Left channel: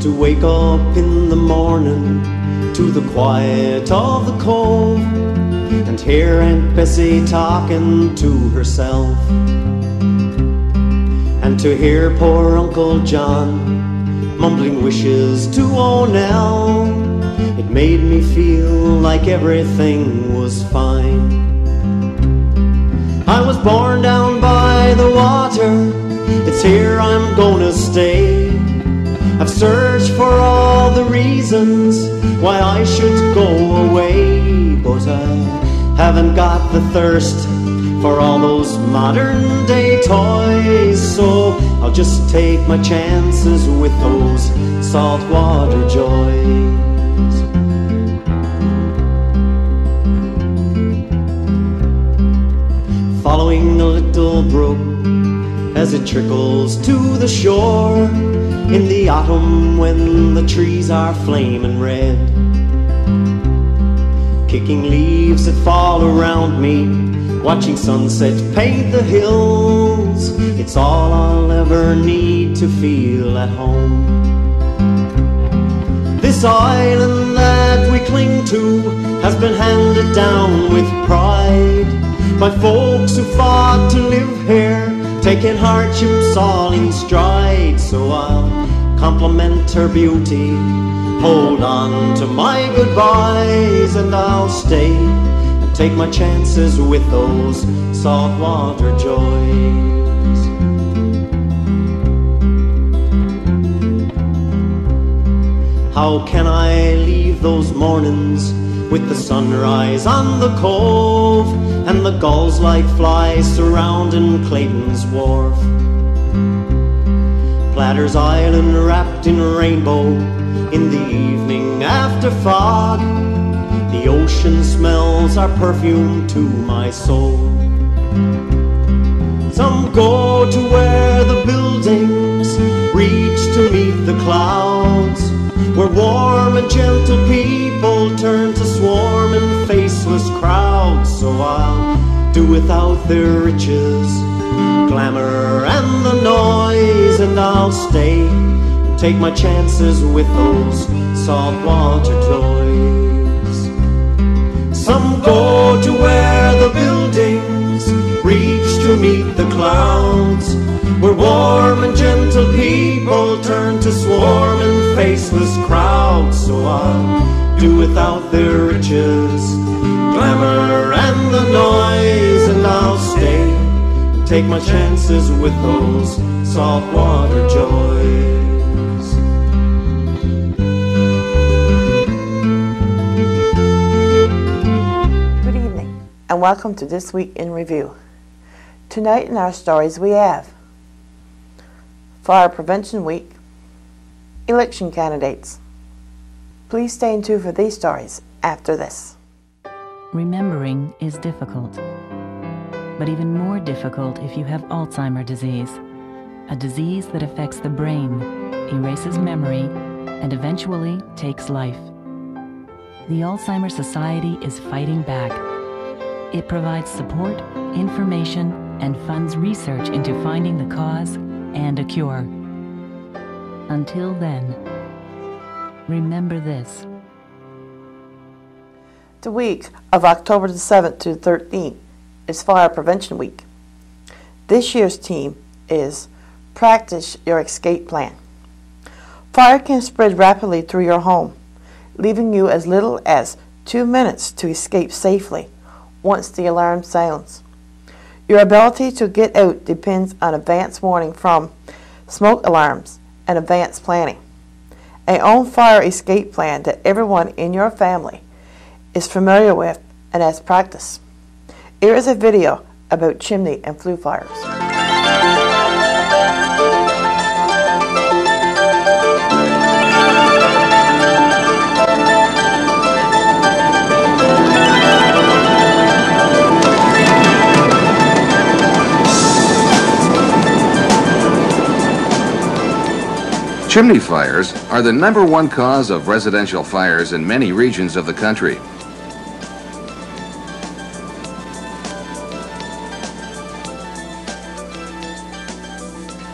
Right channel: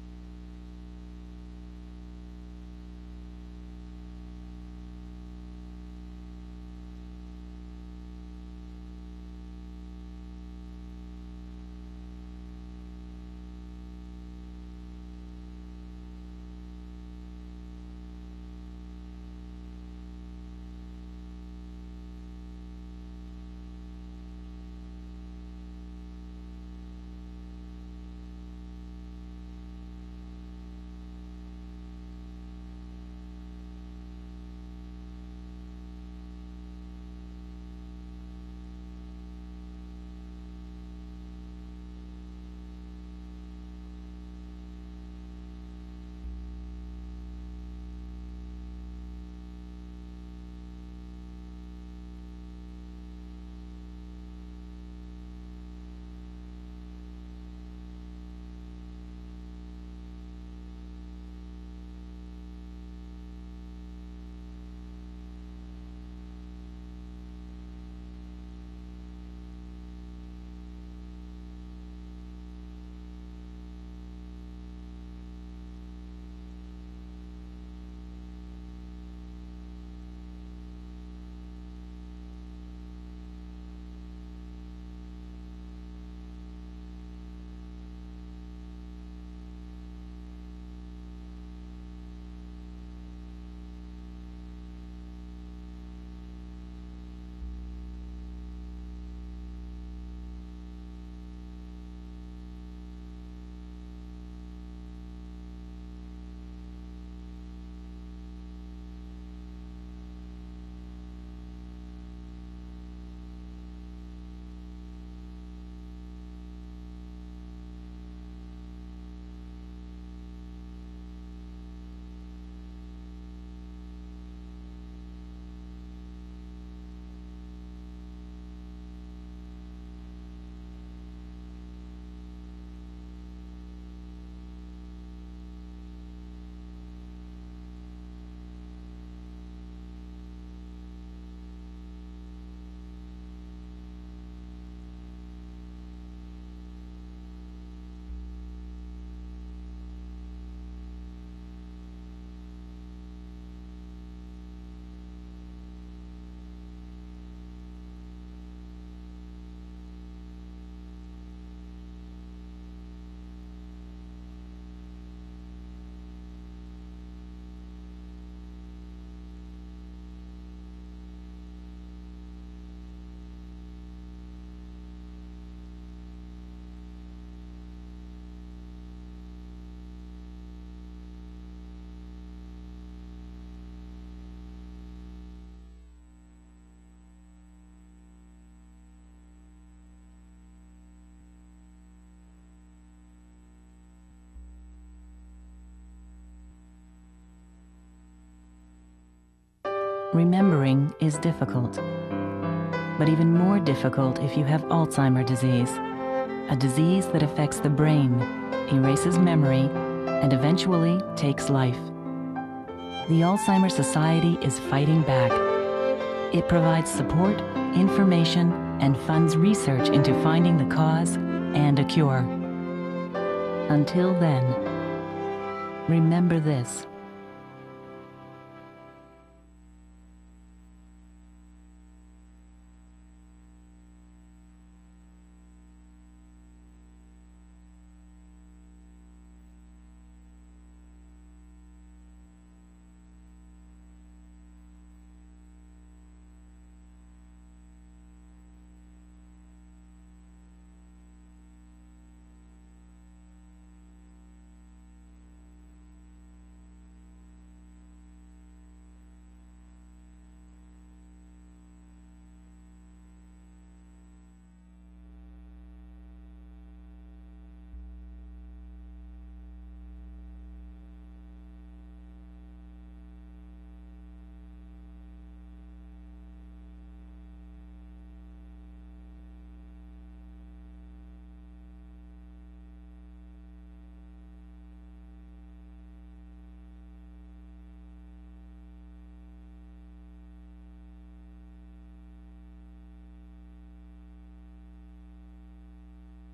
To wake up in the morning to the quiet of the cove and hear Aunt Bessie talking to herself, and to hear poor Uncle John mumbling wishes to O'Nell, it made me feel like everything was fine. I was born down by the water, it's here I'm gonna stay. I've searched for all the reasons why I should go away, but I haven't got the thirst for all those modern day toys, so I'll just take my chances with those saltwater joys. Following a little brook as it trickles to the shore in the autumn when the trees are flaming red, kicking leaves that fall around me, watching sunset paint the hills, it's all I'll ever need to feel at home. This island that we cling to has been handed down with pride by folks who fought to live here, taking hardships all in stride. So I'll compliment her beauty, hold on to my goodbyes, and I'll stay and take my chances with those saltwater joys. How can I leave those mornings with the sunrise on the cove and the gulls like flies surrounding Clayton's Wharf? Platter's Island wrapped in rainbow in the evening after fog, the ocean smells are perfume to my soul. Some go to where the buildings reach to meet the clouds, where warm and gentle people turn to swarming faceless crowds. So I'll do without their riches, glamour and the noise, and I'll stay and take my chances with those saltwater toys. Some go to where the buildings reach to meet the clouds, where warm and gentle people turn to swarming faceless crowds. So I'll do without their riches, glamour and the noise, and I'll stay and take my chances with those saltwater joys. Good evening and welcome to This Week in Review. Tonight in our stories we have Fire Prevention Week, election candidates. Please stay in tune for these stories after this. Remembering is difficult, but even more difficult if you have Alzheimer's disease, a disease that affects the brain, erases memory, and eventually takes life. The Alzheimer's Society is fighting back. It provides support, information, and funds research into finding the cause and a cure. Until then, remember this. The week of October the 7th to the 13th is Fire Prevention Week. This year's theme is Practice Your Escape Plan. Fire can spread rapidly through your home, leaving you as little as 2 minutes to escape safely once the alarm sounds. Your ability to get out depends on advance warning from smoke alarms and advanced planning. An own fire escape plan that everyone in your family is familiar with and has practiced. Here is a video about chimney and flue fires. Chimney fires are the #1 cause of residential fires in many regions of the country.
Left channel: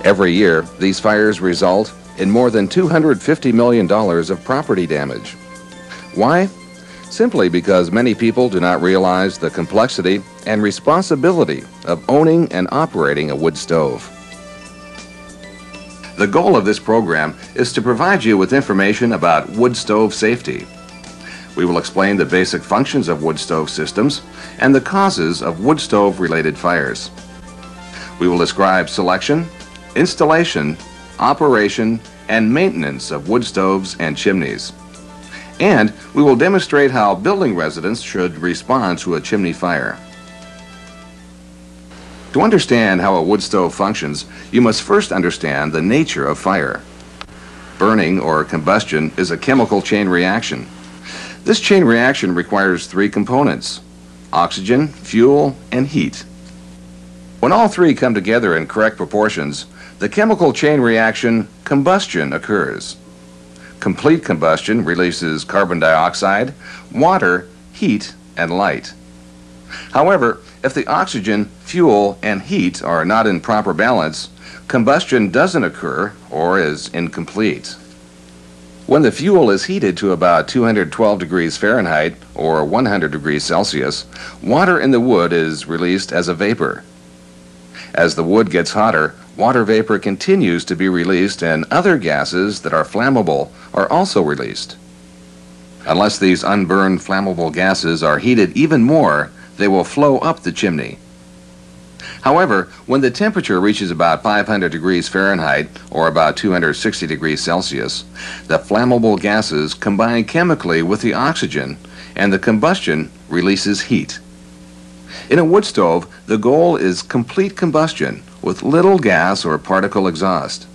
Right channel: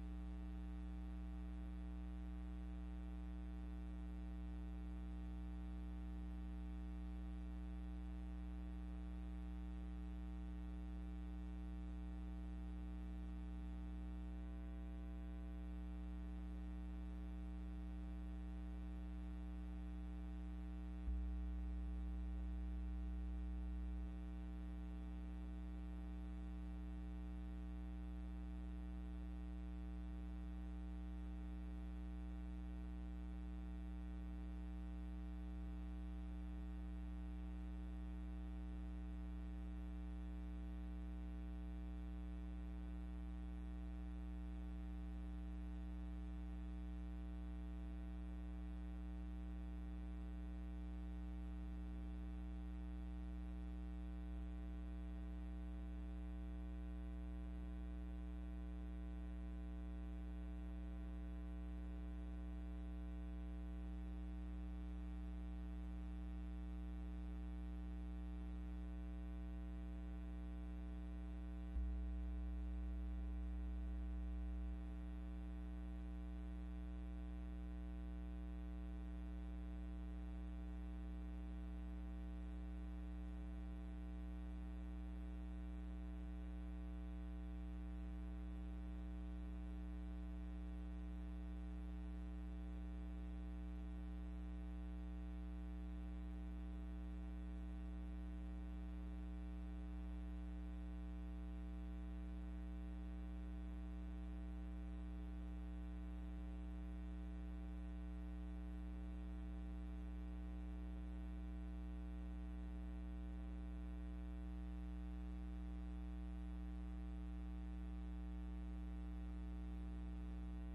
Every year, these fires result in more than $250 million of property damage. Why? Simply because many people do not realize the complexity and responsibility of owning and operating a wood stove. The goal of this program is to provide you with information about wood stove safety. We will explain the basic functions of wood stove systems and the causes of wood stove-related fires. We will describe selection, installation, operation, and maintenance of wood stoves and chimneys. And we will demonstrate how building residents should respond to a chimney fire. To understand how a wood stove functions, you must first understand the nature of fire. Burning or combustion is a chemical chain reaction. This chain reaction requires 3 components: oxygen, fuel, and heat. When all 3 come together in correct proportions, the chemical chain reaction combustion occurs. Complete combustion releases carbon dioxide, water, heat, and light. However, if the oxygen, fuel, and heat are not in proper balance, combustion doesn't occur or is incomplete. When the fuel is heated to about 212 degrees Fahrenheit or 100 degrees Celsius, water in the wood is released as a vapor. As the wood gets hotter, water vapor continues to be released and other gases that are flammable are also released. Unless these unburned flammable gases are heated even more, they will flow up the chimney. However, when the temperature reaches about 500 degrees Fahrenheit or about 260 degrees Celsius, the flammable gases combine chemically with the oxygen and the combustion releases heat. In a wood stove, the goal is complete combustion with little gas or particle exhaust.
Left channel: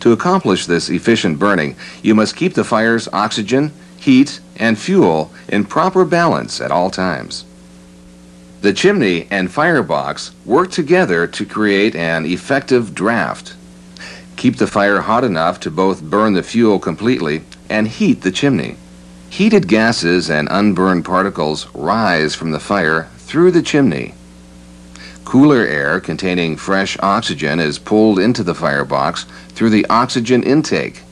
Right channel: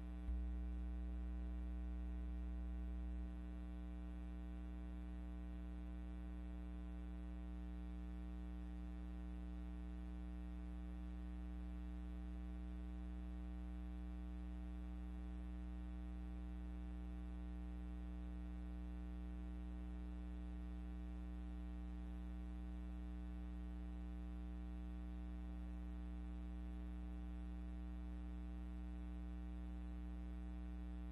To accomplish this efficient burning, you must keep the fire's oxygen, heat, and fuel in proper balance at all times. The chimney and firebox work together to create an effective draft. Keep the fire hot enough to both burn the fuel completely and heat the chimney. Heated gases and unburned particles rise from the fire through the chimney. Cooler air containing fresh oxygen is pulled into the firebox through the oxygen intake.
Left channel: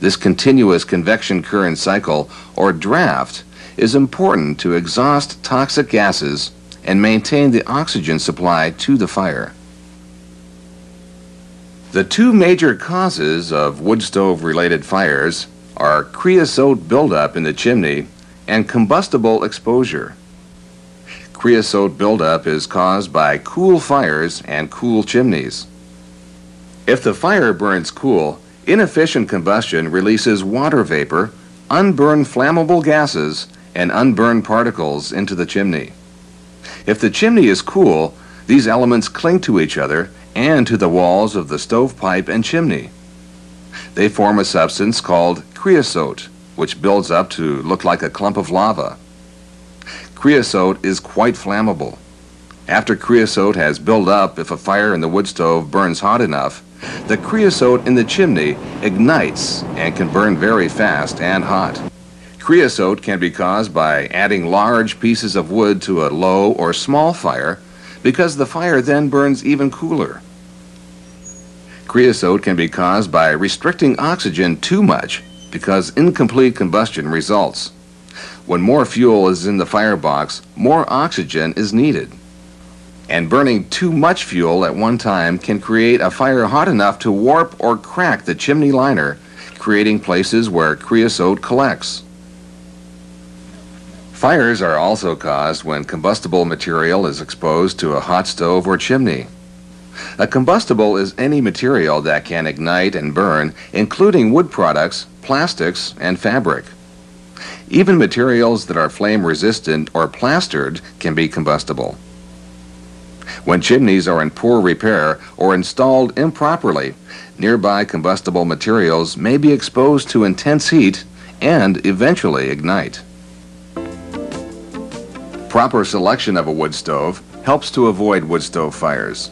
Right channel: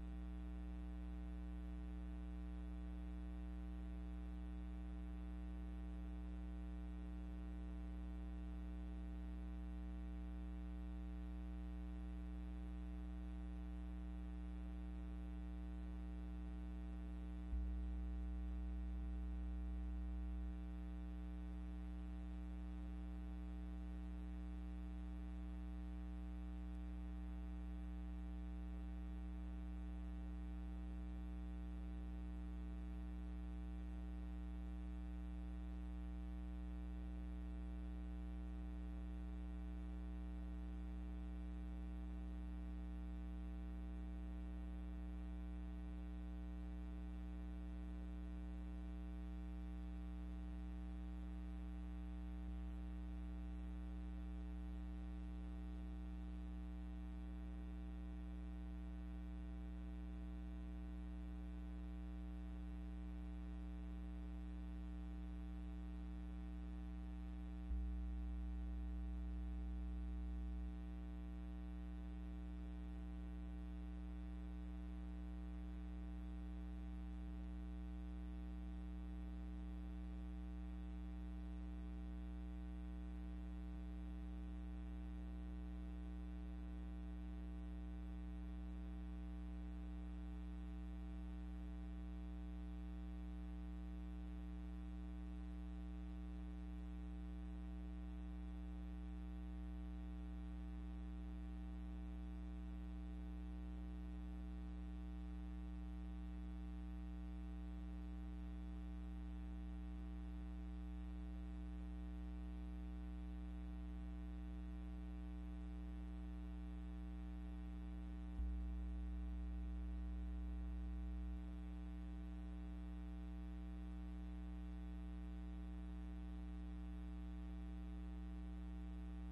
This continuous convection current cycle, or draft, is important to exhaust toxic gases and maintain the oxygen supply to the fire. The 2 major causes of wood stove-related fires are creosote buildup in the chimney and combustible exposure. Creosote buildup is caused by cool fires and cool chimneys. If the fire burns cool, inefficient combustion releases water vapor, unburned flammable gases, and unburned particles into the chimney. If the chimney is cool, these elements cling to each other and to the walls of the stovepipe and chimney. They form a substance called creosote, which builds up to look like a clump of lava. Creosote is quite flammable. After creosote has built up, if a fire in the wood stove burns hot enough, the creosote in the chimney ignites and can burn very fast and hot. Creosote can be caused by adding large pieces of wood to a low or small fire because the fire then burns even cooler. Creosote can be caused by restricting oxygen too much because incomplete combustion results. When more fuel is in the firebox, more oxygen is needed. And burning too much fuel at one time can create a fire hot enough to warp or crack the chimney liner, creating places where creosote collects. Fires are also caused when combustible material is exposed to a hot stove or chimney. A combustible is any material that can ignite and burn, including wood products, plastics, and fabric. Even materials that are flame resistant or plastered can be combustible. When chimneys are in poor repair or installed improperly, nearby combustible materials may be exposed to intense heat and eventually ignite. Proper selection of a wood stove helps to avoid wood stove fires.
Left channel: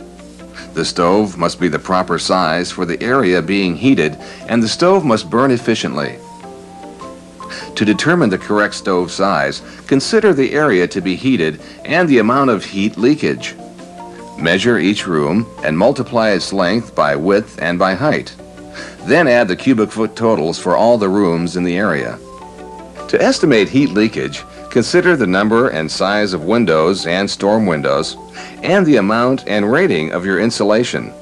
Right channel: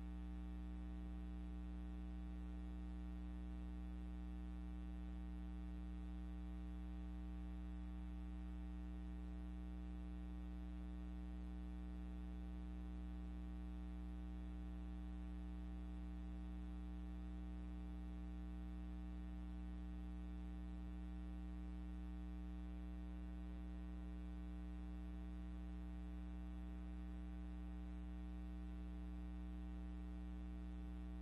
The stove must be the proper size for the area being heated, and the stove must burn efficiently. To determine the correct stove size, consider the area to be heated and the amount of heat leakage. Measure each room and multiply its length by width and by height. Then add the cubic foot totals for all the rooms in the area. To estimate heat leakage, consider the number and size of windows and storm windows, and the amount and rating of your insulation.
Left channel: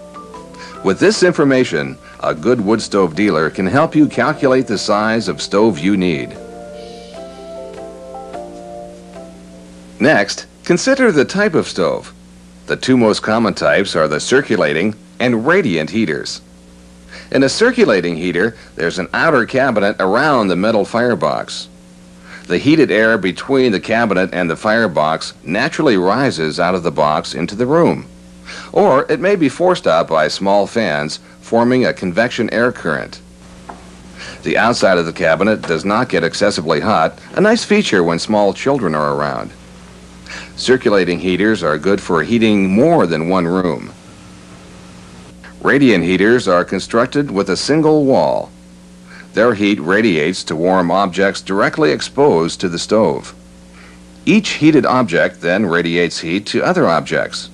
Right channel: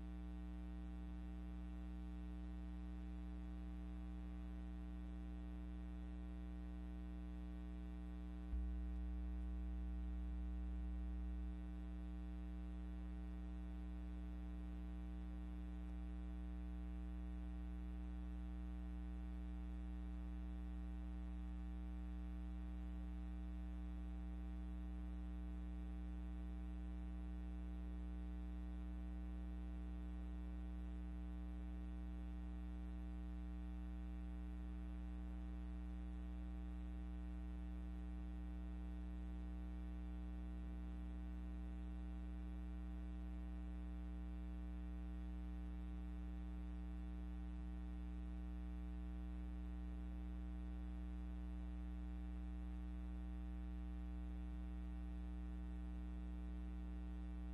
With this information, a good wood stove dealer can help you calculate the size of stove you need. Next, consider the type of stove. The two most common types are the circulating and radiant heaters. In a circulating heater, there's an outer cabinet around the metal firebox. The heated air between the cabinet and the firebox naturally rises out of the box into the room, or it may be forced out by small fans, forming a convection air current. The outside of the cabinet does not get excessively hot, a nice feature when small children are around. Circulating heaters are good for heating more than one room. Radiant heaters are constructed with a single wall. Their heat radiates to warm objects directly exposed to the stove. Each heated object then radiates heat to other objects.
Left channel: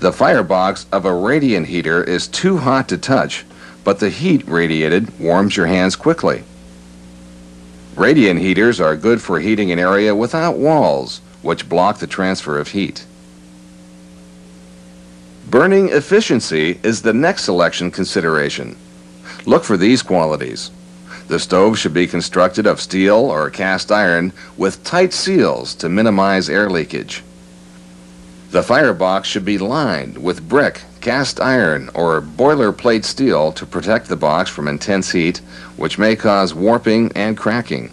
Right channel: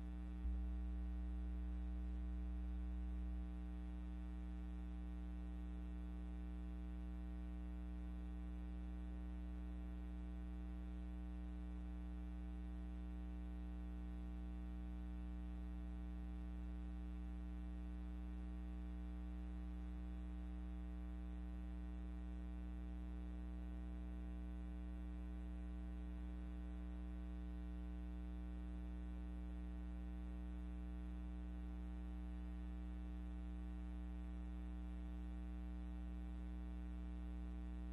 The firebox of a radiant heater is too hot to touch, but the heat radiated warms your hands quickly. Radiant heaters are good for heating an area without walls, which block the transfer of heat. Burning efficiency is the next selection consideration. Look for these qualities. The stove should be constructed of steel or cast iron with tight seals to minimize air leakage. The firebox should be lined with brick, cast iron, or boilerplate steel to protect the box from intense heat, which may cause warping and cracking.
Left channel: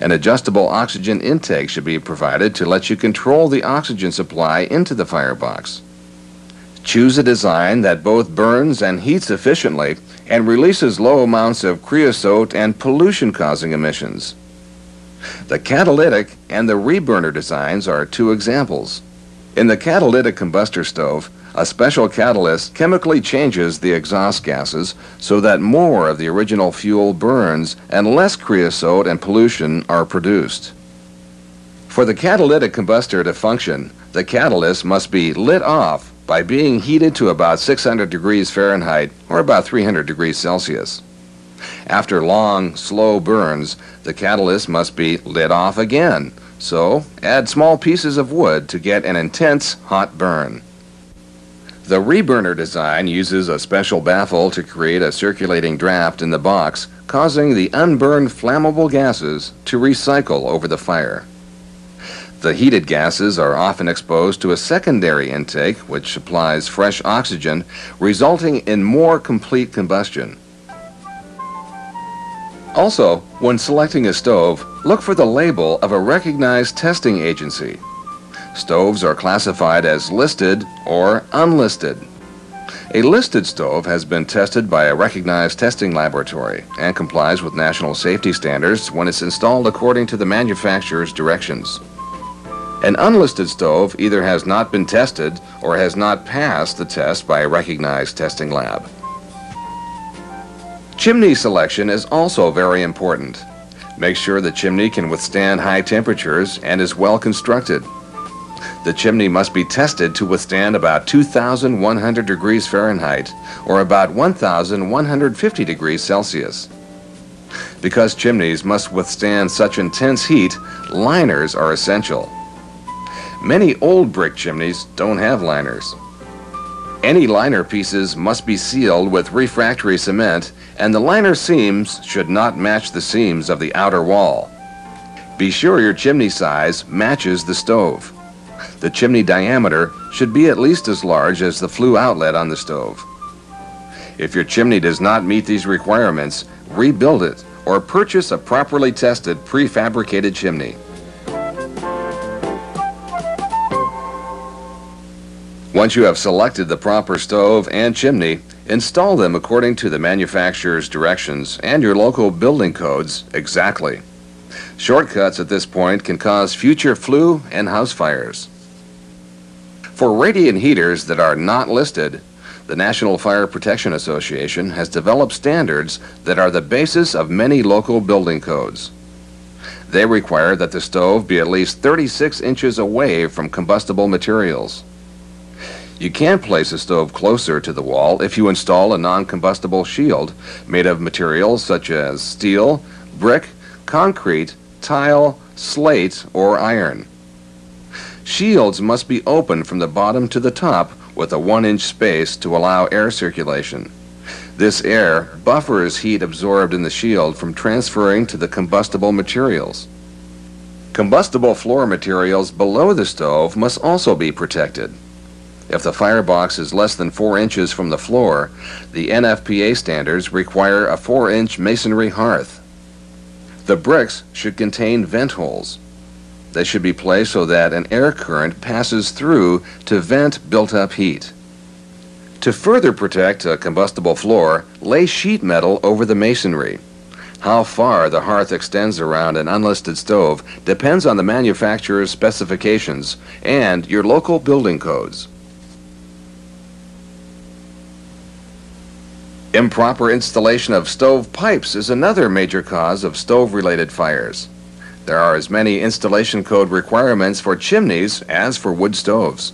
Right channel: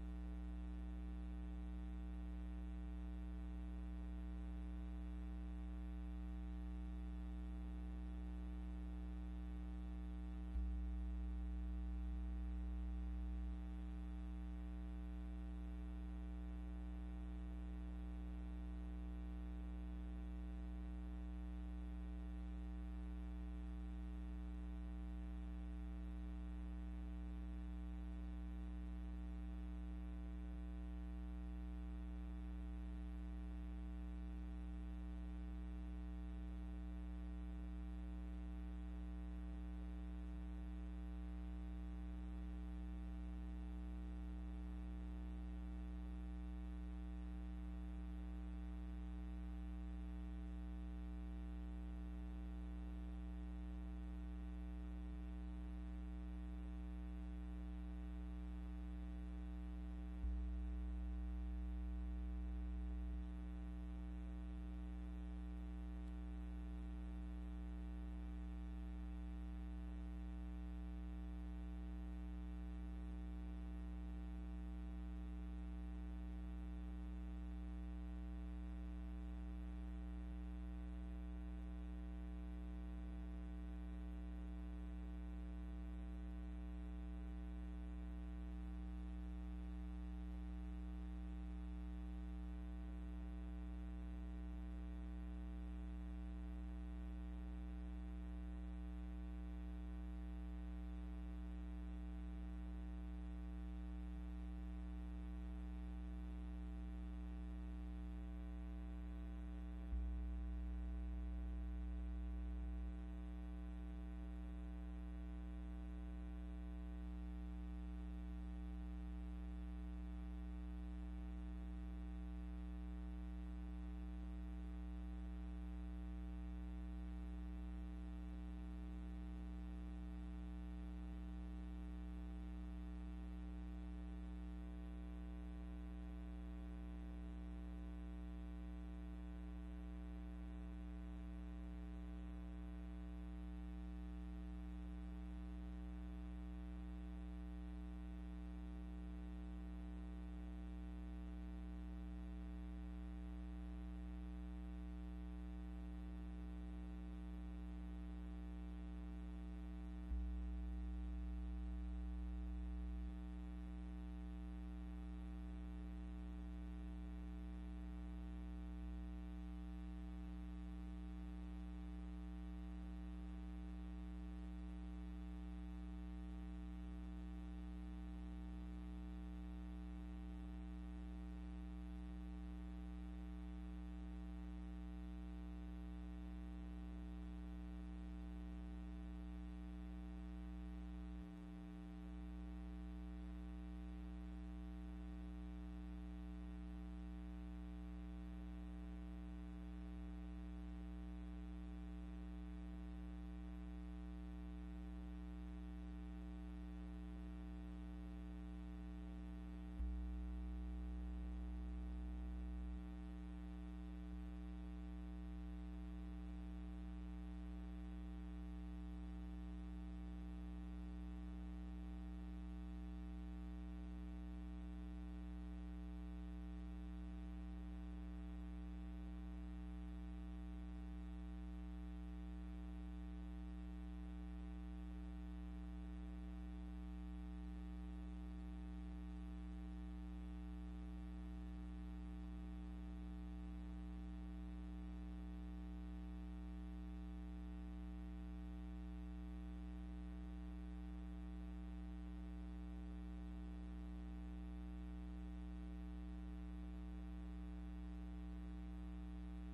An adjustable oxygen intake should be provided to let you control the oxygen supply into the firebox. Choose a design that both burns and heats efficiently and releases low amounts of creosote and pollution-causing emissions. The catalytic and the reburner designs are two examples. In the catalytic combustor stove, a special catalyst chemically changes the exhaust gases so that more of the original fuel burns and less creosote and pollution are produced. For the catalytic combustor to function, the catalyst must be lit off by being heated to about 600 degrees Fahrenheit or about 300 degrees Celsius. After long, slow burns, the catalyst must be lit off again, so add small pieces of wood to get an intense hot burn. The reburner design uses a special baffle to create a circulating draft in the box, causing the unburned flammable gases to recycle over the fire. The heated gases are often exposed to a secondary intake, which supplies fresh oxygen, resulting in more complete combustion. Also, when selecting a stove, look for the label of a recognized testing agency. Stoves are classified as listed or unlisted. A listed stove has been tested by a recognized testing laboratory and complies with national safety standards when it's installed according to the manufacturer's directions. An unlisted stove either has not been tested or has not passed the test by a recognized testing lab. Chimney selection is also very important. Make sure the chimney can withstand high temperatures and is well constructed. The chimney must be tested to withstand about 2,100 degrees Fahrenheit or about 1,150 degrees Celsius. Because chimneys must withstand such intense heat, liners are essential. Many old brick chimneys don't have liners. Any liner pieces must be sealed with refractory cement, and the liner seams should not match the seams of the outer wall. Be sure your chimney size matches the stove. The chimney diameter should be at least as large as the flue outlet on the stove. If your chimney does not meet these requirements, rebuild it or purchase a properly tested prefabricated chimney. Once you have selected the proper stove and chimney, install them according to the manufacturer's directions and your local building codes exactly. Shortcuts at this point can cause future flue and house fires. For radiant heaters that are not listed, the National Fire Protection Association has developed standards that are the basis of many local building codes. They require that the stove be at least 36 inches away from combustible materials. You can place a stove closer to the wall if you install a non-combustible shield made of materials such as steel, brick, concrete, tile, slate, or iron. Shields must be open from the bottom to the top with a 1-inch space to allow air circulation. This air buffers heat absorbed in the shield from transferring to the combustible materials. Combustible floor materials below the stove must also be protected. If the firebox is less than 4 inches from the floor, the NFPA standards require a 4-inch masonry hearth. The bricks should contain vent holes. They should be placed so that an air current passes through to vent built-up heat. To further protect a combustible floor, lay sheet metal over the masonry. How far the hearth extends around an unlisted stove depends on the manufacturer's specifications and your local building codes. Improper installation of stove pipes is another major cause of stove-related fires. There are as many installation code requirements for chimneys as for wood stoves.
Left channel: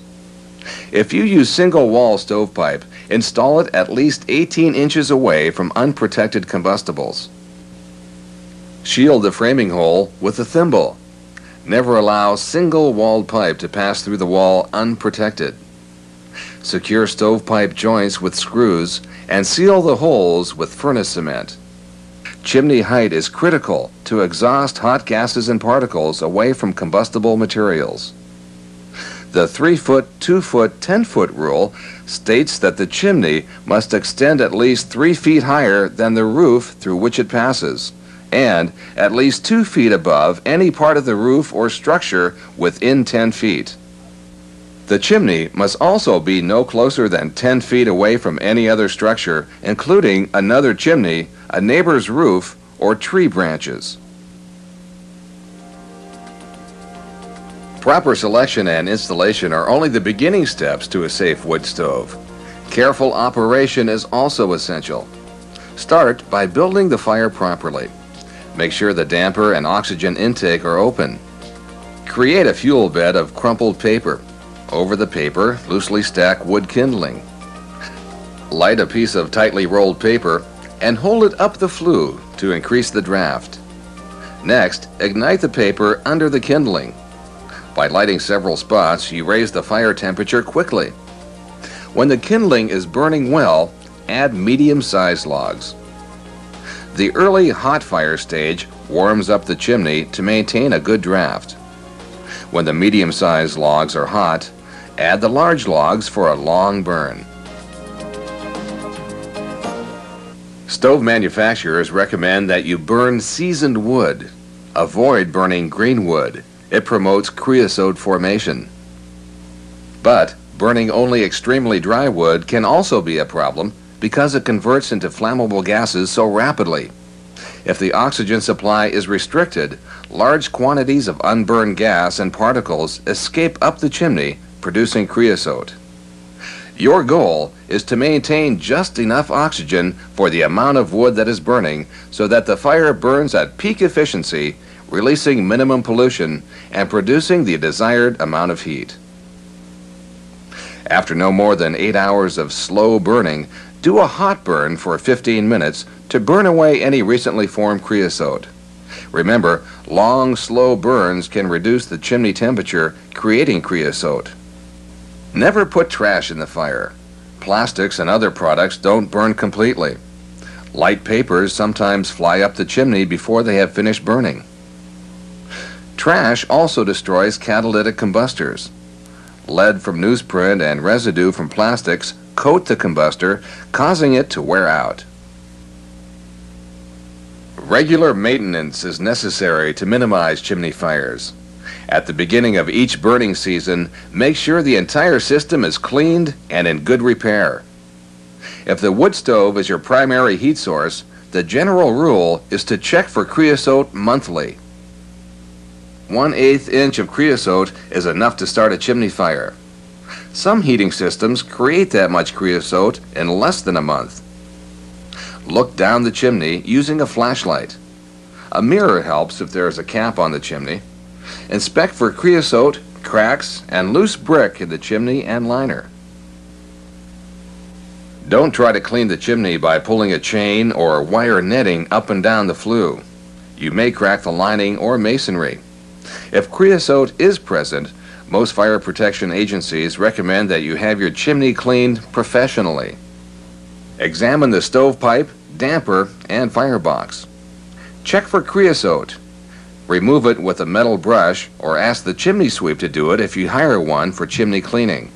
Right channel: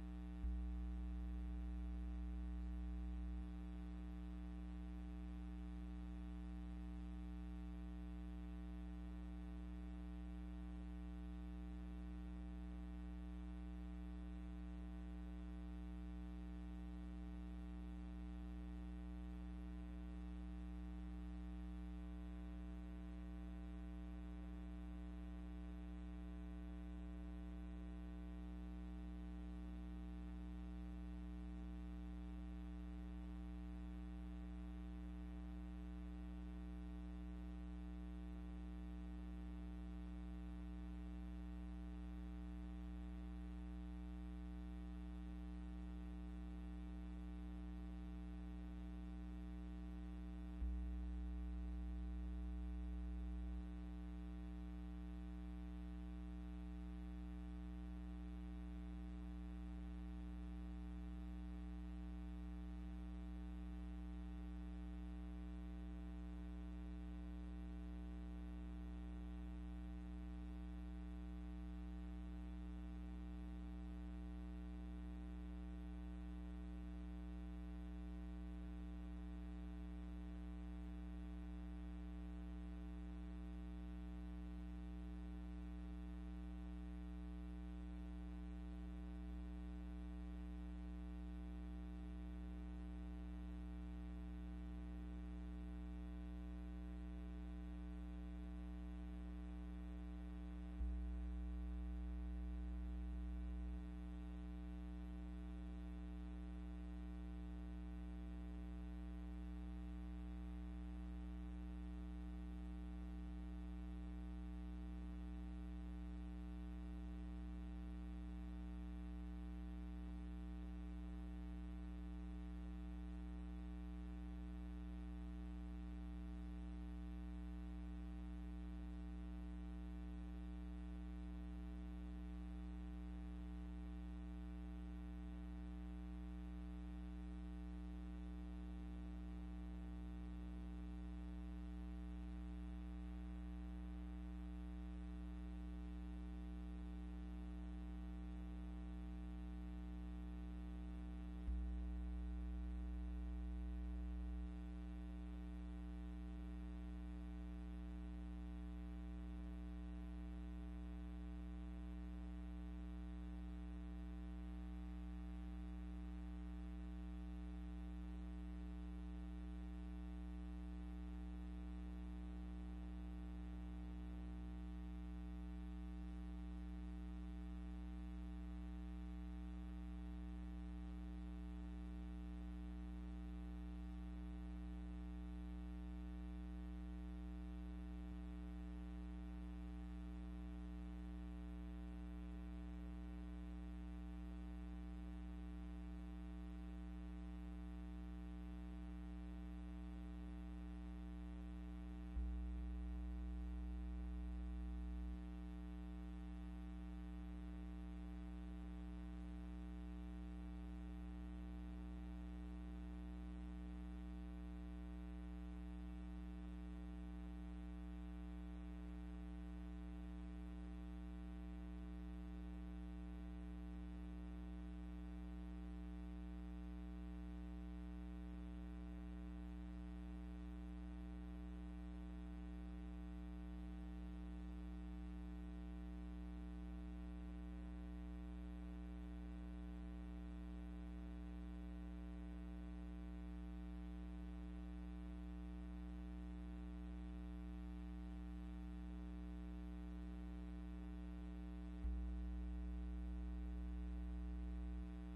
If you use single-wall stovepipe, install it at least 18 inches away from unprotected combustibles. Shield the framing hole with a thimble. Never allow single-walled pipe to pass through the wall unprotected. Secure stovepipe joints with screws and seal the holes with furnace cement. Chimney height is critical to exhaust hot gases and particles away from combustible materials. The 3-foot, 2-foot, 10-foot rule states that the chimney must extend at least 3 feet higher than the roof through which it passes, and at least 2 feet above any part of the roof or structure within 10 feet. The chimney must also be no closer than 10 feet away from any other structure, including another chimney, a neighbor's roof, or tree branches. Proper selection and installation are only the beginning steps to a safe wood stove. Careful operation is also essential. Start by building the fire properly. Make sure the damper and oxygen intake are open. Create a fuel bed of crumpled paper. Over the paper, loosely stack wood kindling. Light a piece of tightly rolled paper and hold it up the flue to increase the draft. Next, ignite the paper under the kindling. By lighting several spots, you raise the fire temperature quickly. When the kindling is burning well, add medium-sized logs. The early hot fire stage warms up the chimney to maintain a good draft. When the medium-sized logs are hot, add the large logs for a long burn. Stove manufacturers recommend that you burn seasoned wood. Avoid burning green wood. It promotes creosote formation. But burning only extremely dry wood can also be a problem because it converts into flammable gases so rapidly. If the oxygen supply is restricted, large quantities of unburned gas and particles escape up the chimney, producing creosote. Your goal is to maintain just enough oxygen for the amount of wood that is burning so that the fire burns at peak efficiency, releasing minimum pollution and producing the desired amount of heat. After no more than 8 hours of slow burning, do a hot burn for 15 minutes to burn away any recently formed creosote. Remember, long, slow burns can reduce the chimney temperature, creating creosote. Never put trash in the fire. Plastics and other products don't burn completely. Light papers sometimes fly up the chimney before they have finished burning. Trash also destroys catalytic combustors. Lead from newsprint and residue from plastics coat the combustor, causing it to wear out. Regular maintenance is necessary to minimize chimney fires. At the beginning of each burning season, make sure the entire system is cleaned and in good repair. If the wood stove is your primary heat source, the general rule is to check for creosote monthly. 1/8 inch of creosote is enough to start a chimney fire. Some heating systems create that much creosote in less than a month. Look down the chimney using a flashlight. A mirror helps if there is a cap on the chimney. Inspect for creosote, cracks, and loose brick in the chimney and liner. Don't try to clean the chimney by pulling a chain or wire netting up and down the flue. You may crack the lining or masonry. If creosote is present, most fire protection agencies recommend that you have your chimney cleaned professionally. Examine the stovepipe, damper, and firebox. Check for creosote. Remove it with a metal brush or ask the chimney sweep to do it if you hire one for chimney cleaning.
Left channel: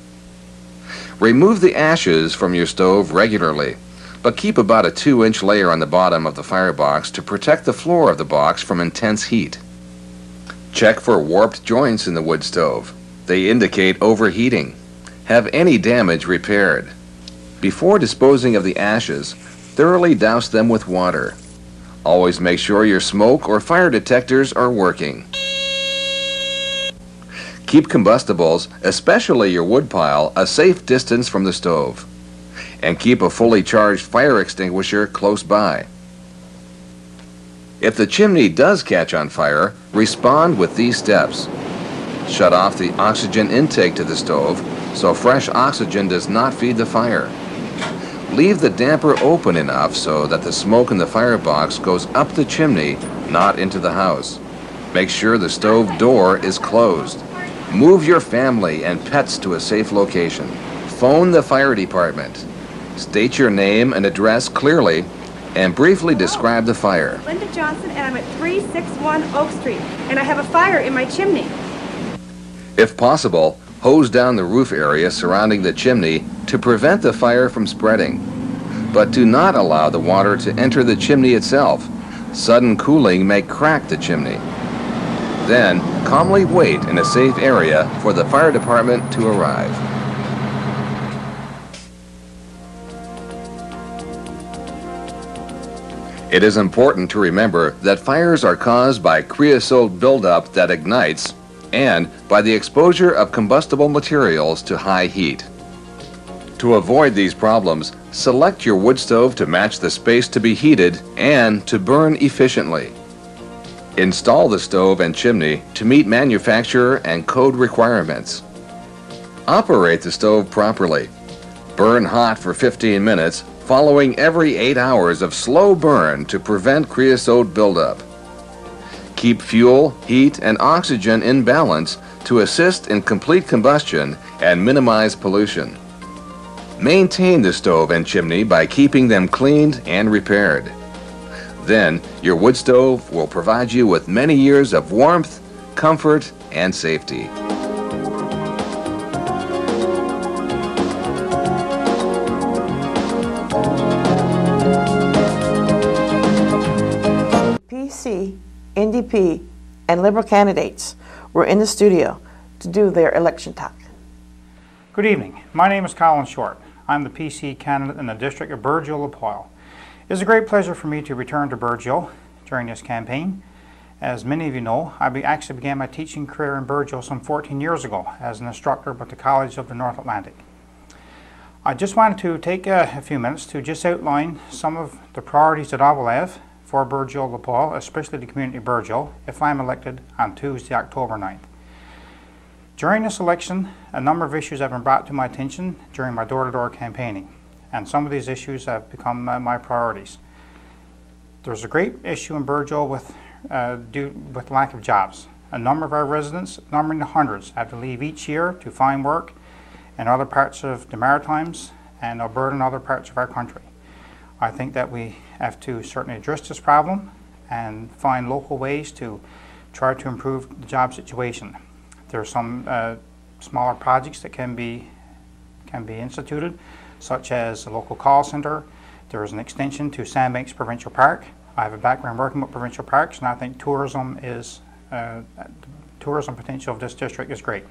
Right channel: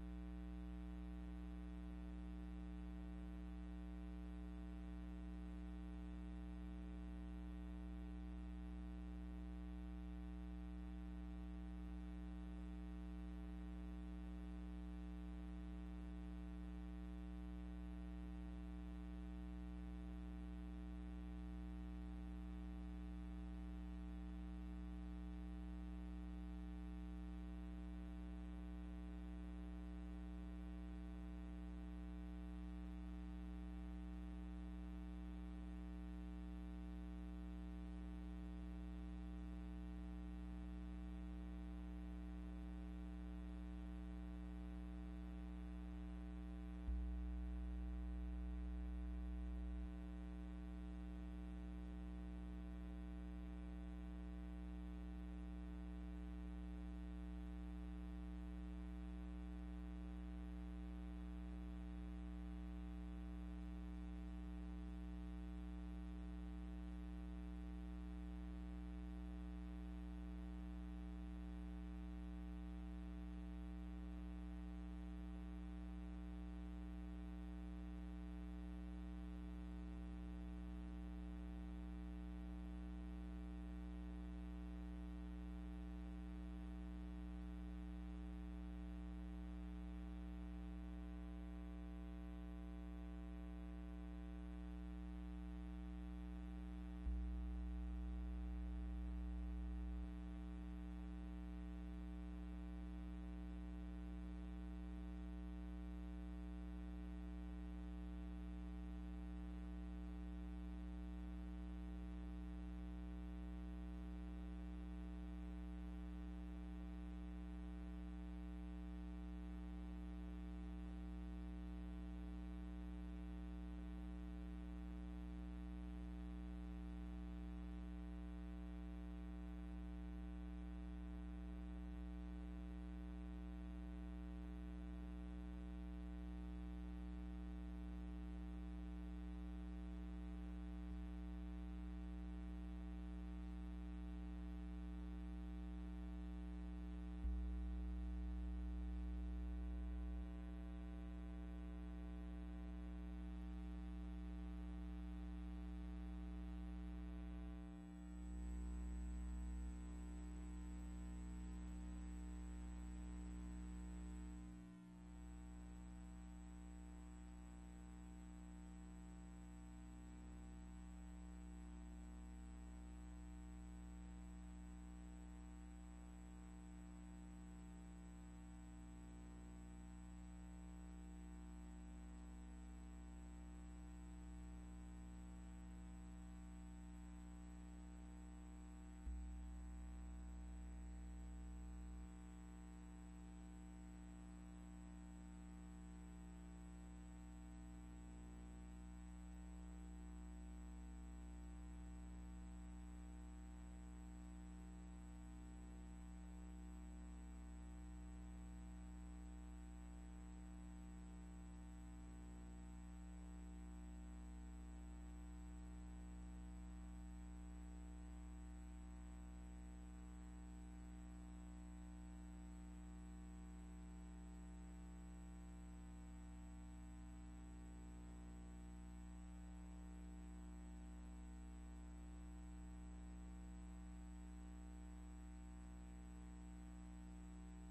Remove the ashes from your stove regularly, but keep about a 2-inch layer on the bottom of the firebox to protect the floor of the box from intense heat. Check for warped joints in the wood stove. They indicate overheating. Have any damage repaired. Before disposing of the ashes, thoroughly douse them with water. Always make sure your smoke or fire detectors are working. Keep combustibles, especially your wood pile, a safe distance from the stove. And keep a fully charged fire extinguisher close by. If the chimney does catch on fire, respond with these steps. Shut off the oxygen intake to the stove so fresh oxygen does not feed the fire. Leave the damper open enough so that the smoke in the firebox goes up the chimney, not into the house. Make sure the stove door is closed. Move your family and pets to a safe location. Phone the fire department. State your name and address clearly and briefly describe the fire. Linda Johnson, and I'm at 361 Oak Street, and I have a fire in my chimney. If possible, hose down the roof area surrounding the chimney to prevent the fire from spreading. But do not allow the water to enter the chimney itself. Sudden cooling may crack the chimney. Then, calmly wait in a safe area for the fire department to arrive. It is important to remember that fires are caused by creosote buildup that ignites and by the exposure of combustible materials to high heat. To avoid these problems, select your wood stove to match the space to be heated and to burn efficiently. Install the stove and chimney to meet manufacturer and code requirements. Operate the stove properly. Burn hot for 15 minutes, following every 8 hours of slow burn to prevent creosote buildup. Keep fuel, heat, and oxygen in balance to assist in complete combustion and minimize pollution. Maintain the stove and chimney by keeping them cleaned and repaired. Then, your wood stove will provide you with many years of warmth, comfort, and safety. PC, NDP, and Liberal candidates were in the studio to do their election talk. Good evening. My name is Colin Short. I'm the PC candidate in the district of Burgeo-Lapoil. It is a great pleasure for me to return to Burgeo during this campaign. As many of you know, I actually began my teaching career in Burgeo some 14 years ago as an instructor with the College of the North Atlantic. I just wanted to take a few minutes to just outline some of the priorities that I will have for Burgeo-Lapoil, especially the community of Burgeo, if I'm elected on Tuesday, October 9th. During this election, a number of issues have been brought to my attention during my door-to-door campaigning, and some of these issues have become my priorities. There's a great issue in Burgeo with lack of jobs. A number of our residents, numbering the hundreds, have to leave each year to find work in other parts of the Maritimes and Alberta and other parts of our country. I think that we have to certainly address this problem and find local ways to try to improve the job situation. There are some smaller projects that can be instituted, such as a local call center. There is an extension to Sandbanks Provincial Park. I have a background working with provincial parks, and I think tourism potential of this district is great.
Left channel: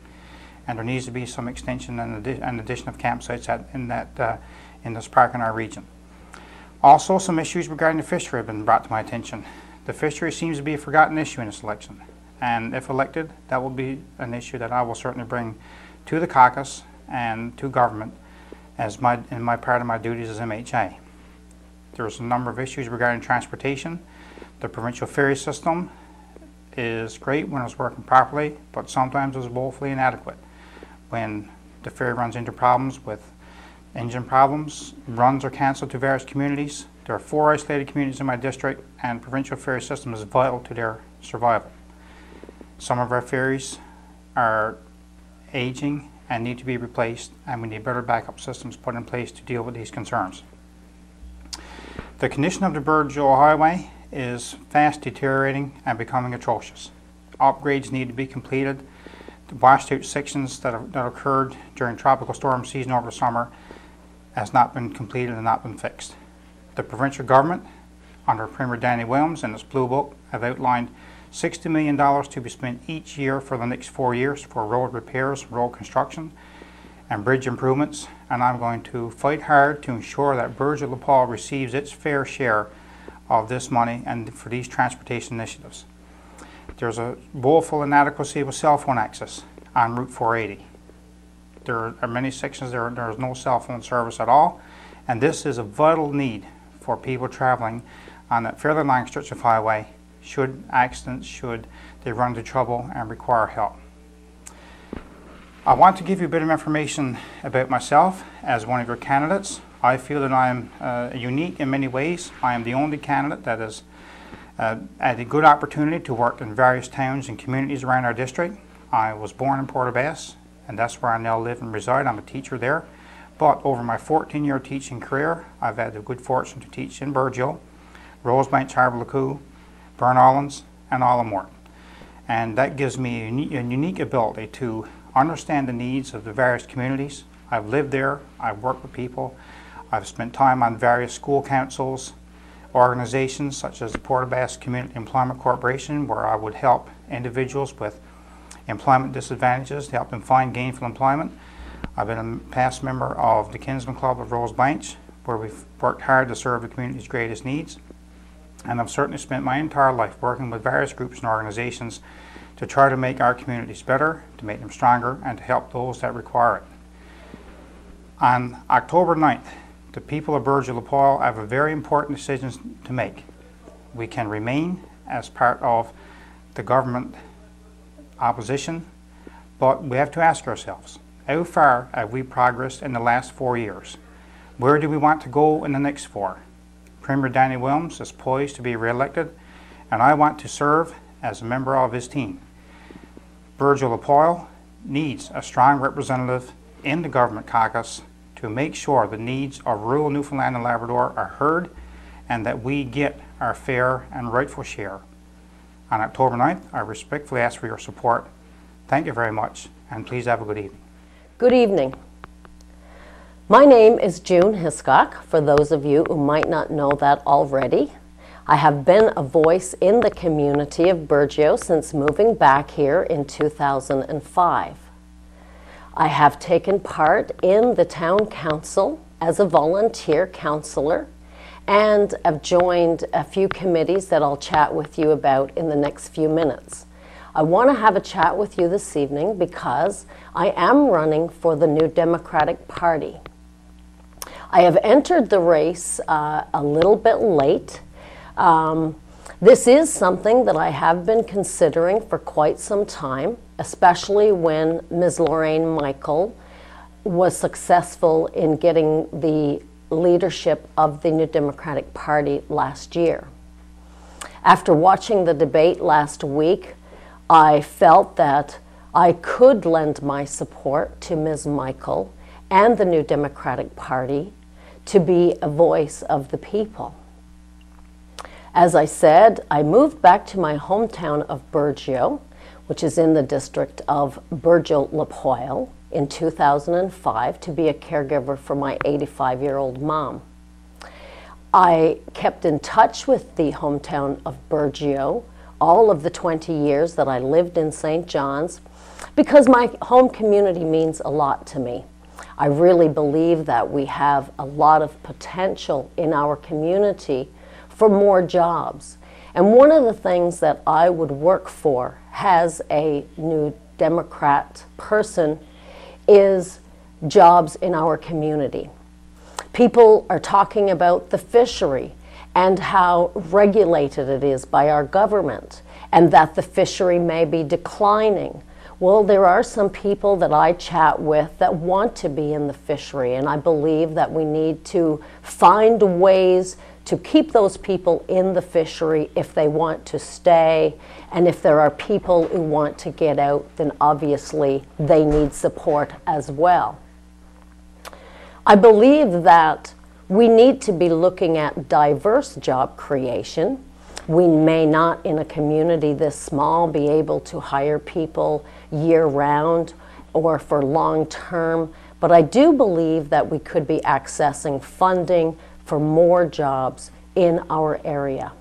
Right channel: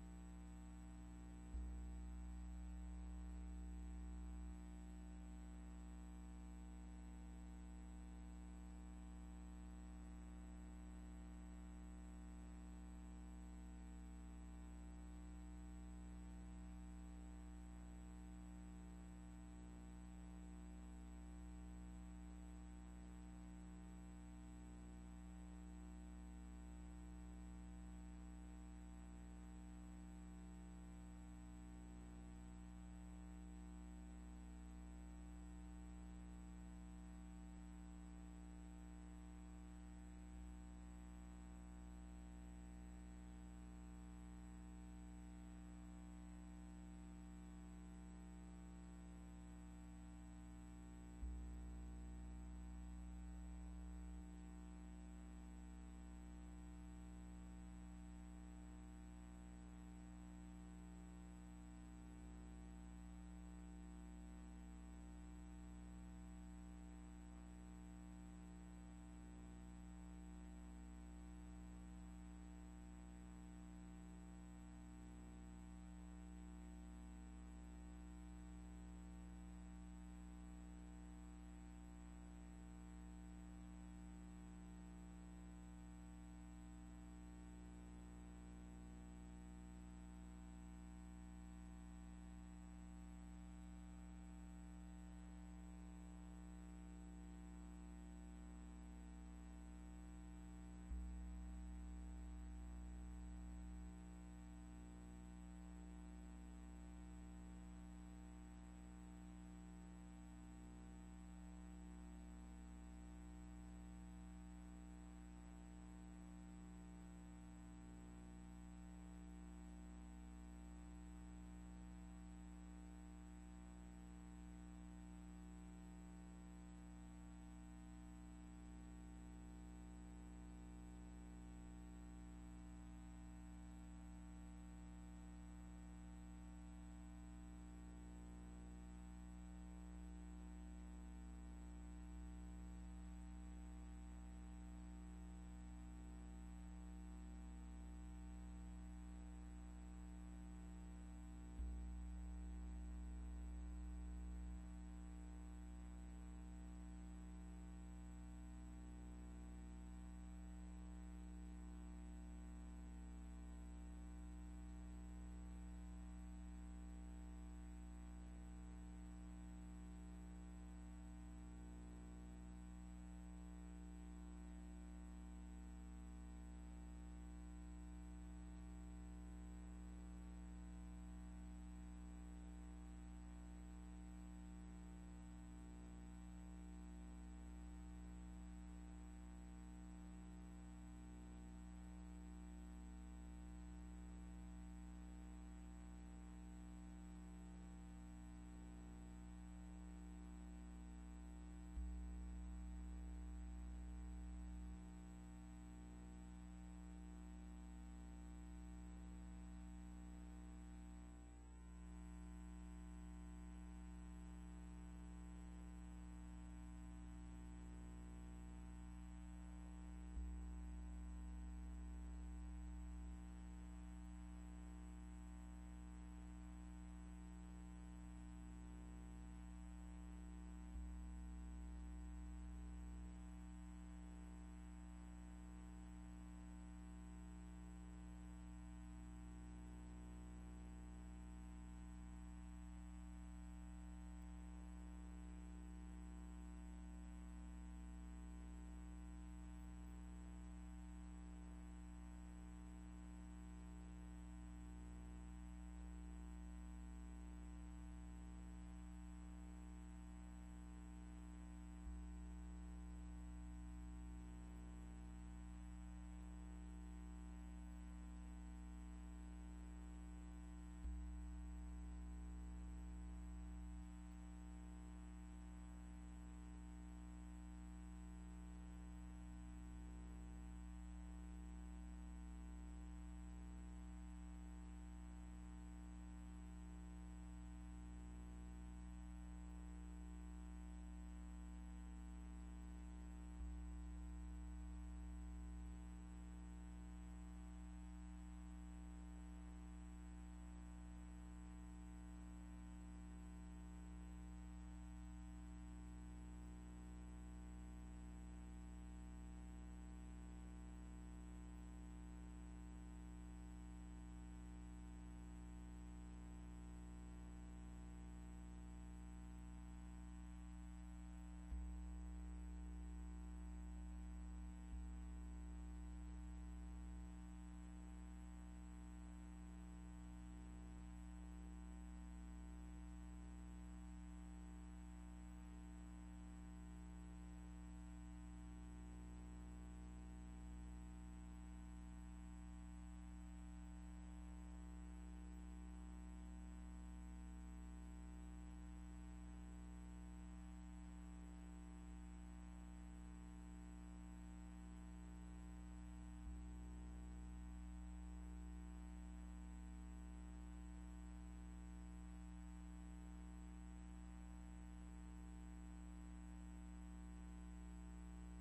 And there needs to be some extension and addition of campsites in this park in our region. Also, some issues regarding the fishery have been brought to my attention. The fishery seems to be a forgotten issue in this election, and if elected, that will be an issue that I will certainly bring to the caucus and to government in my part of my duties as MHA. There's a number of issues regarding transportation. The provincial ferry system is great when it's working properly, but sometimes it's woefully inadequate. When the ferry runs into problems with engine problems, runs are cancelled to various communities. There are 4 isolated communities in my district, and provincial ferry system is vital to their survival. Some of our ferries are aging and need to be replaced, and we need better backup systems put in place to deal with these concerns. The condition of the Burgeo Highway is fast deteriorating and becoming atrocious. Upgrades need to be completed. The washed out sections that occurred during tropical storm season over the summer has not been completed and not been fixed. The provincial government, under Premier Danny Williams in its Blue Book, have outlined $60 million to be spent each year for the next 4 years for road repairs, road construction, and bridge improvements, and I'm going to fight hard to ensure that Burgeo-LaPaul receives its fair share of this money and for these transportation initiatives. There's a woeful inadequacy with cell phone access on Route 480. There are many sections there is no cell phone service at all, and this is a vital need for people traveling on that fairly long stretch of highway should they run into trouble and require help. I want to give you a bit of information about myself as one of your candidates. I feel that I am unique in many ways. I am the only candidate that has had a good opportunity to work in various towns and communities around our district. I was born in Portabass, and that's where I now live and reside. I'm a teacher there. But over my 14-year teaching career, I've had the good fortune to teach in Burgeo, Rosebank, Harbour-Lacoo, Burnallins, and Allamore. And that gives me a unique ability to understand the needs of the various communities. I've lived there, I've worked with people, I've spent time on various school councils, organizations such as the Portabass Community Employment Corporation, where I would help individuals with employment disadvantages to help them find gainful employment. I've been a past member of the Kinsman Club of Rosebank, where we've worked hard to serve the community's greatest needs. And I've certainly spent my entire life working with various groups and organizations to try to make our communities better, to make them stronger, and to help those that require it. On October 9th, the people of Burgeo-LaPaul have a very important decision to make. We can remain as part of the government opposition, but we have to ask ourselves, how far have we progressed in the last 4 years? Where do we want to go in the next 4? Premier Danny Williams is poised to be re-elected, and I want to serve as a member of his team. Burgeo-LaPaul needs a strong representative in the government caucus to make sure the needs of rural Newfoundland and Labrador are heard and that we get our fair and rightful share. On October 9th, I respectfully ask for your support. Thank you very much, and please have a good evening. Good evening. My name is June Hiscock, for those of you who might not know that already. I have been a voice in the community of Burgeo since moving back here in 2005. I have taken part in the town council as a volunteer councillor and have joined a few committees that I'll chat with you about in the next few minutes. I want to have a chat with you this evening because I am running for the New Democratic Party. I have entered the race a little bit late. This is something that I have been considering for quite some time, especially when Ms. Lorraine Michael was successful in getting the leadership of the New Democratic Party last year. After watching the debate last week, I felt that I could lend my support to Ms. Michael and the New Democratic Party to be a voice of the people. As I said, I moved back to my hometown of Burgeo, which is in the district of Burgeo-LaPaul, in 2005 to be a caregiver for my 85-year-old mom. I kept in touch with the hometown of Burgeo all of the 20 years that I lived in St. John's because my home community means a lot to me. I really believe that we have a lot of potential in our community for more jobs. And one of the things that I would work for as a New Democrat person is jobs in our community. People are talking about the fishery and how regulated it is by our government, and that the fishery may be declining. Well, there are some people that I chat with that want to be in the fishery, and I believe that we need to find ways to keep those people in the fishery if they want to stay. And if there are people who want to get out, then obviously they need support as well. I believe that we need to be looking at diverse job creation. We may not, in a community this small, be able to hire people year-round or for long-term, but I do believe that we could be accessing funding for more jobs in our area.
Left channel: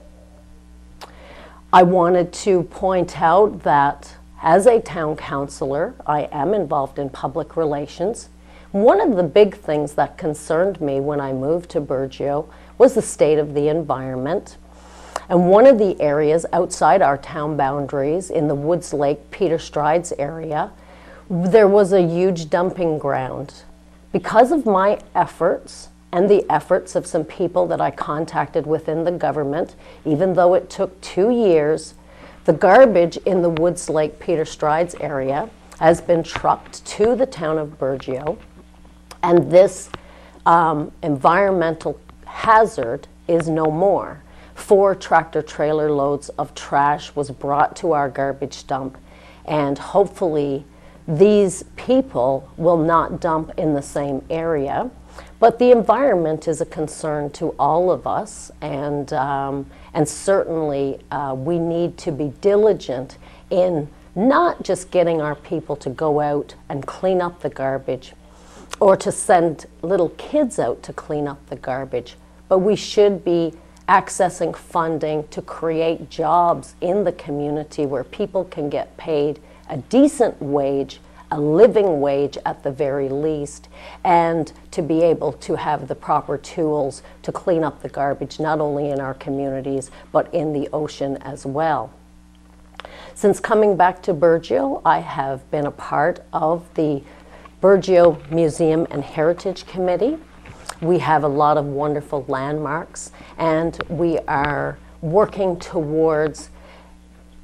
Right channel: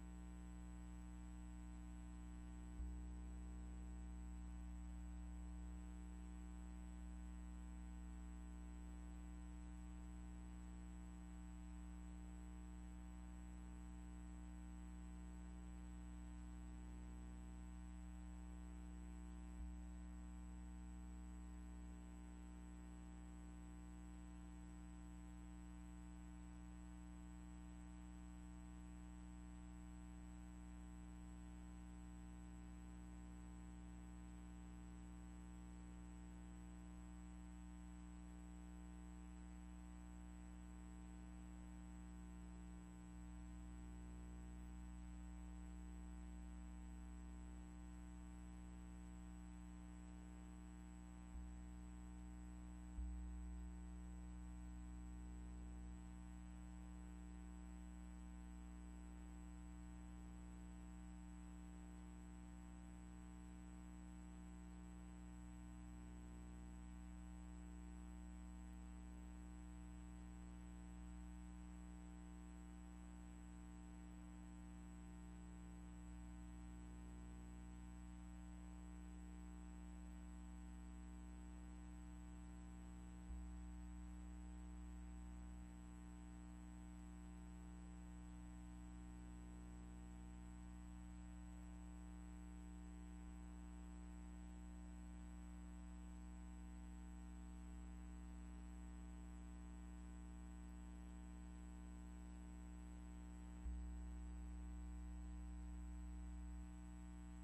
I wanted to point out that as a town councillor, I am involved in public relations. One of the big things that concerned me when I moved to Burgeo was the state of the environment. And one of the areas outside our town boundaries, in the Woods Lake, Peter Strides area, there was a huge dumping ground. Because of my efforts and the efforts of some people that I contacted within the government, even though it took 2 years, the garbage in the Woods Lake, Peter Strides area has been trucked to the town of Burgeo, and this environmental hazard is no more. 4 tractor-trailer loads of trash was brought to our garbage dump, and hopefully these people will not dump in the same area. But the environment is a concern to all of us, and certainly we need to be diligent in not just getting our people to go out and clean up the garbage or to send little kids out to clean up the garbage, but we should be accessing funding to create jobs in the community where people can get paid a decent wage, a living wage at the very least, and to be able to have the proper tools to clean up the garbage, not only in our communities, but in the ocean as well. Since coming back to Burgeo, I have been a part of the Burgeo Museum and Heritage Committee. We have a lot of wonderful landmarks, and we are working towards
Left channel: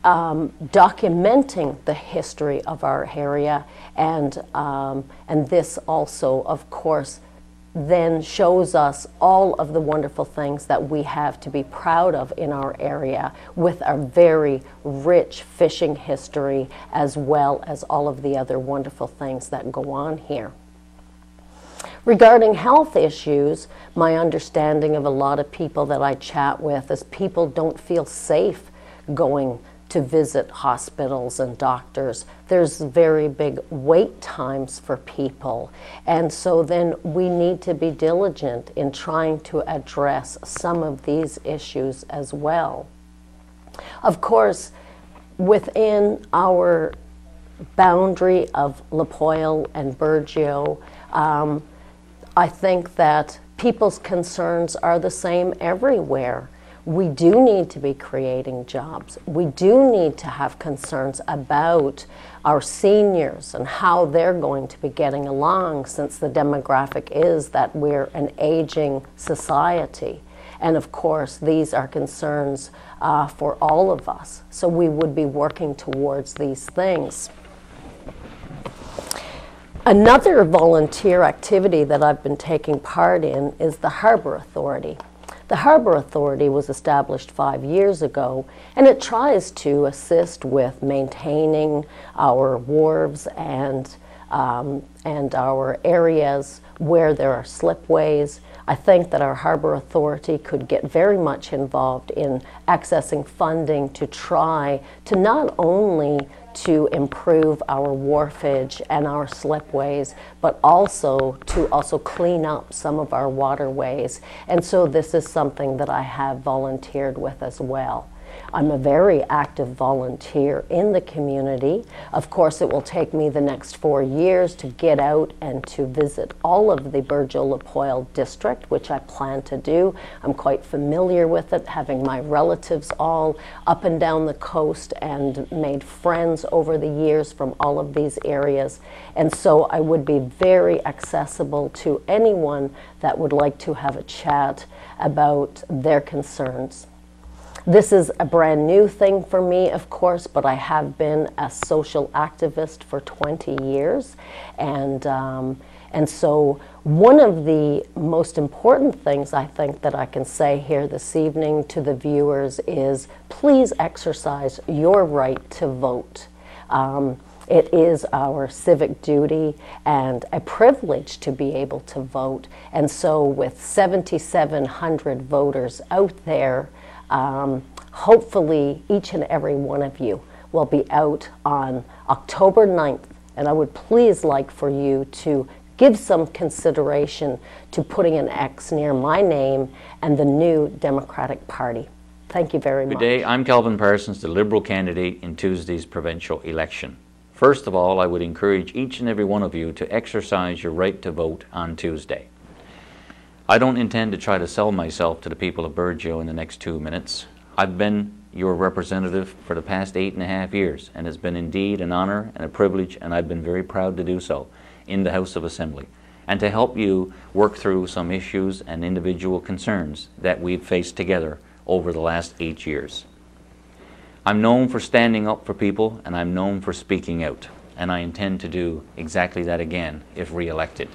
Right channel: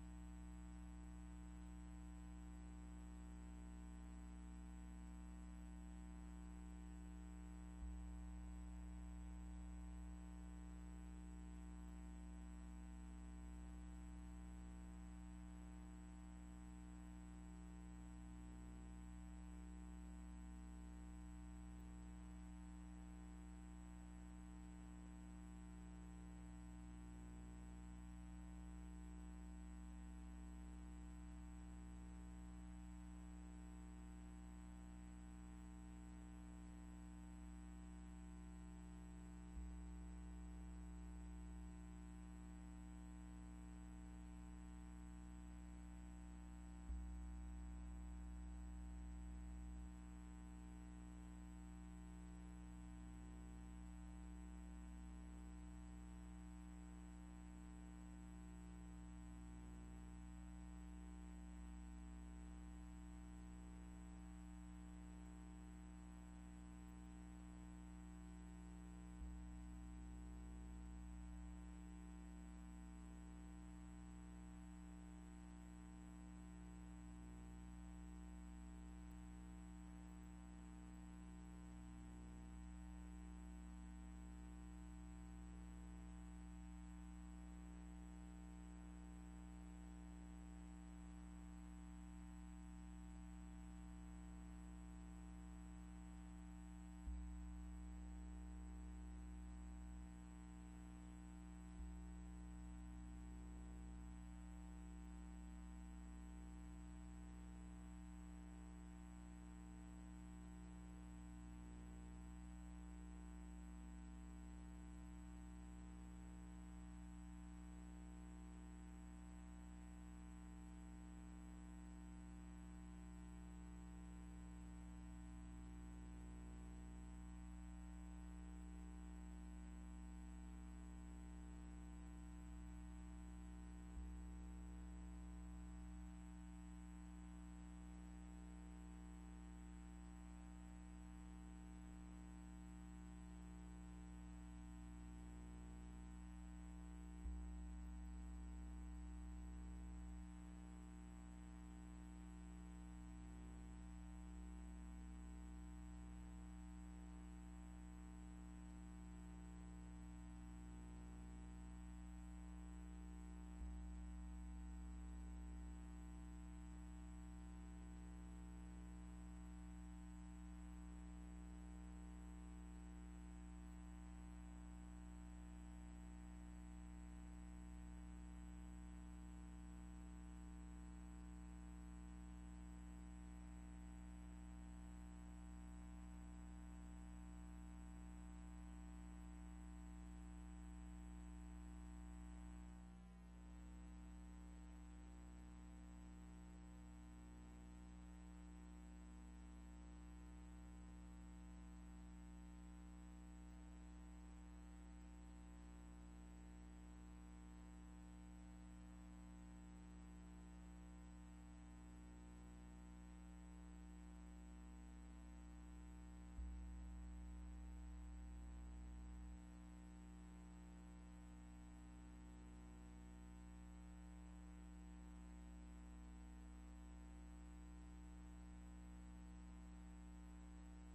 documenting the history of our area, and this also, of course, then shows us all of the wonderful things that we have to be proud of in our area, with our very rich fishing history, as well as all of the other wonderful things that go on here. Regarding health issues, my understanding of a lot of people that I chat with is people don't feel safe going to visit hospitals and doctors. There's very big wait times for people, and so then we need to be diligent in trying to address some of these issues as well. Of course, within our boundary of Lipoil and Burgeo, I think that people's concerns are the same everywhere. We do need to be creating jobs. We do need to have concerns about our seniors and how they're going to be getting along, since the demographic is that we're an aging society. And of course, these are concerns for all of us. So we would be working towards these things. Another volunteer activity that I've been taking part in is the Harbor Authority. The Harbor Authority was established 5 years ago, and it tries to assist with maintaining our wharves and our areas where there are slipways. I think that our Harbor Authority could get very much involved in accessing funding to try to not only to improve our wharfage and our slipways, but also to clean up some of our waterways. And so this is something that I have volunteered with as well. I'm a very active volunteer in the community. Of course, it will take me the next 4 years to get out and to visit all of the Burgeo-Lapoil district, which I plan to do. I'm quite familiar with it, having my relatives all up and down the coast and made friends over the years from all of these areas. And so I would be very accessible to anyone that would like to have a chat about their concerns. This is a brand new thing for me, of course, but I have been a social activist for 20 years. And so one of the most important things I think that I can say here this evening to the viewers is please exercise your right to vote. It is our civic duty and a privilege to be able to vote. And so with 7,700 voters out there, hopefully each and every one of you will be out on October 9th. And I would please like for you to give some consideration to putting an X near my name and the new Democratic Party. Thank you very much. Good day. I'm Calvin Parsons, the Liberal candidate in Tuesday's provincial election. First of all, I would encourage each and every one of you to exercise your right to vote on Tuesday. I don't intend to try to sell myself to the people of Burgeo in the next 2 minutes. I've been your representative for the past 8.5 years, and it's been indeed an honor and a privilege, and I've been very proud to do so in the House of Assembly, and to help you work through some issues and individual concerns that we've faced together over the last 8 years. I'm known for standing up for people, and I'm known for speaking out, and I intend to do exactly that again if re-elected.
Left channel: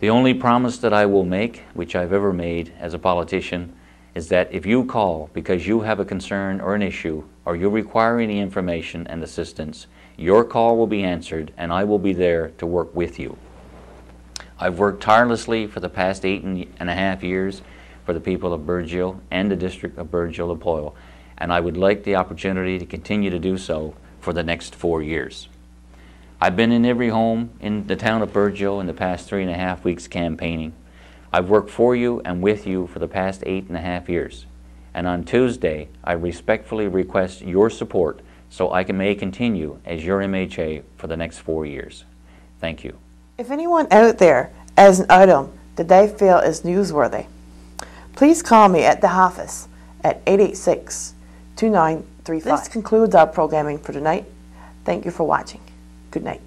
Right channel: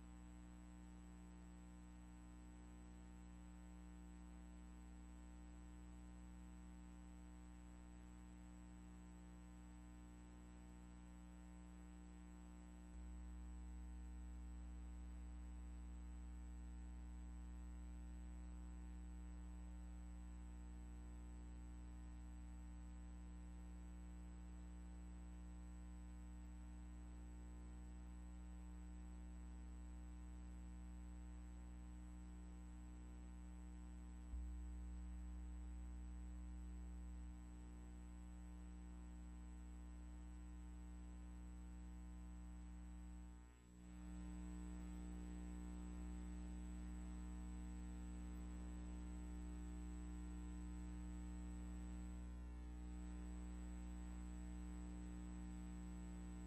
The only promise that I will make, which I've ever made as a politician, is that if you call because you have a concern or an issue, or you require any information and assistance, your call will be answered, and I will be there to work with you. I've worked tirelessly for the past 8.5 years for the people of Burgeo and the district of Burgeo-Lapoil, and I would like the opportunity to continue to do so for the next 4 years. I've been in every home in the town of Burgeo in the past 3.5 weeks campaigning. I've worked for you and with you for the past 8.5 years. And on Tuesday, I respectfully request your support so I may continue as your MHA for the next 4 years. Thank you. If anyone out there has an item that they feel is newsworthy, please call me at the office at 886-2935. This concludes our programming for tonight. Thank you for watching. Good night.